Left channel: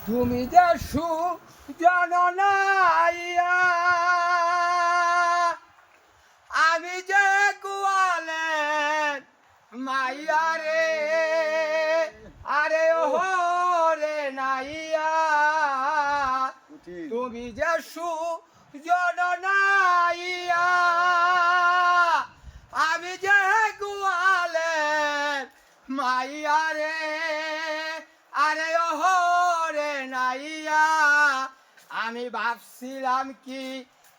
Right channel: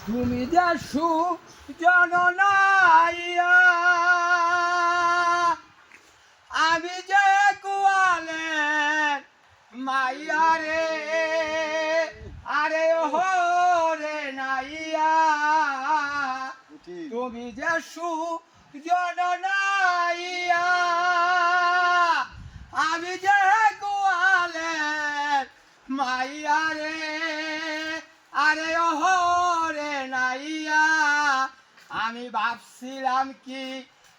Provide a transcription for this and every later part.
তুমি যে সুজননাইয়া আমি যে কুয়ালের মাইয়া রে আরে ওহো রে নাইয়া তুমি যে সুজননাইয়া আমি যে কুয়ালের মাইয়া রে আরে ওহো রে নাইয়া আমি ভাবছিলাম কি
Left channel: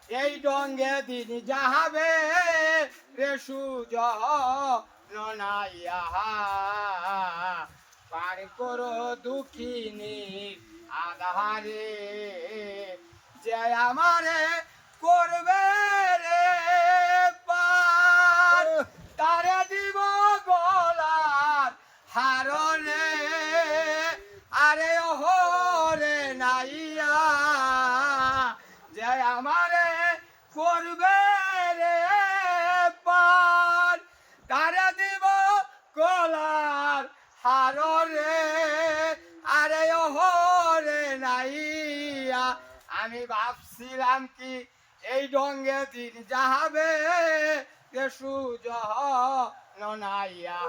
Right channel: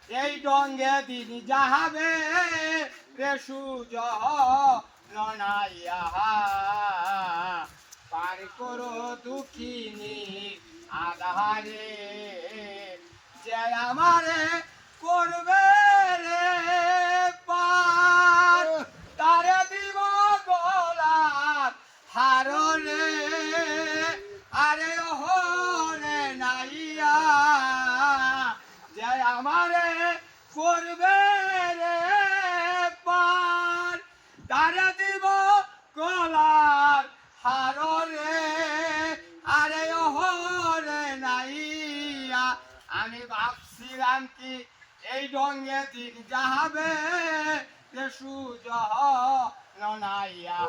এই ডঙ্গে দিন যাবে রে সুজ নাইয়া পার করো দুঃখিনী আধারে যে আমারে করবে রে পার তারে দিব গোলাপ হাররে আরে ওহো রে নাইয়া যে আমারে করবে রে পার তারে দিব গোলাপ হাররে আরে ওহো রে নাইয়া আমি ভাবছিলাম কি এই ডঙ্গে দিন যাবে সুজ নাইয়া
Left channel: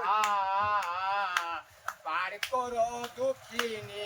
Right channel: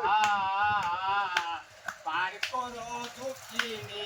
পার করো দুঃখিনী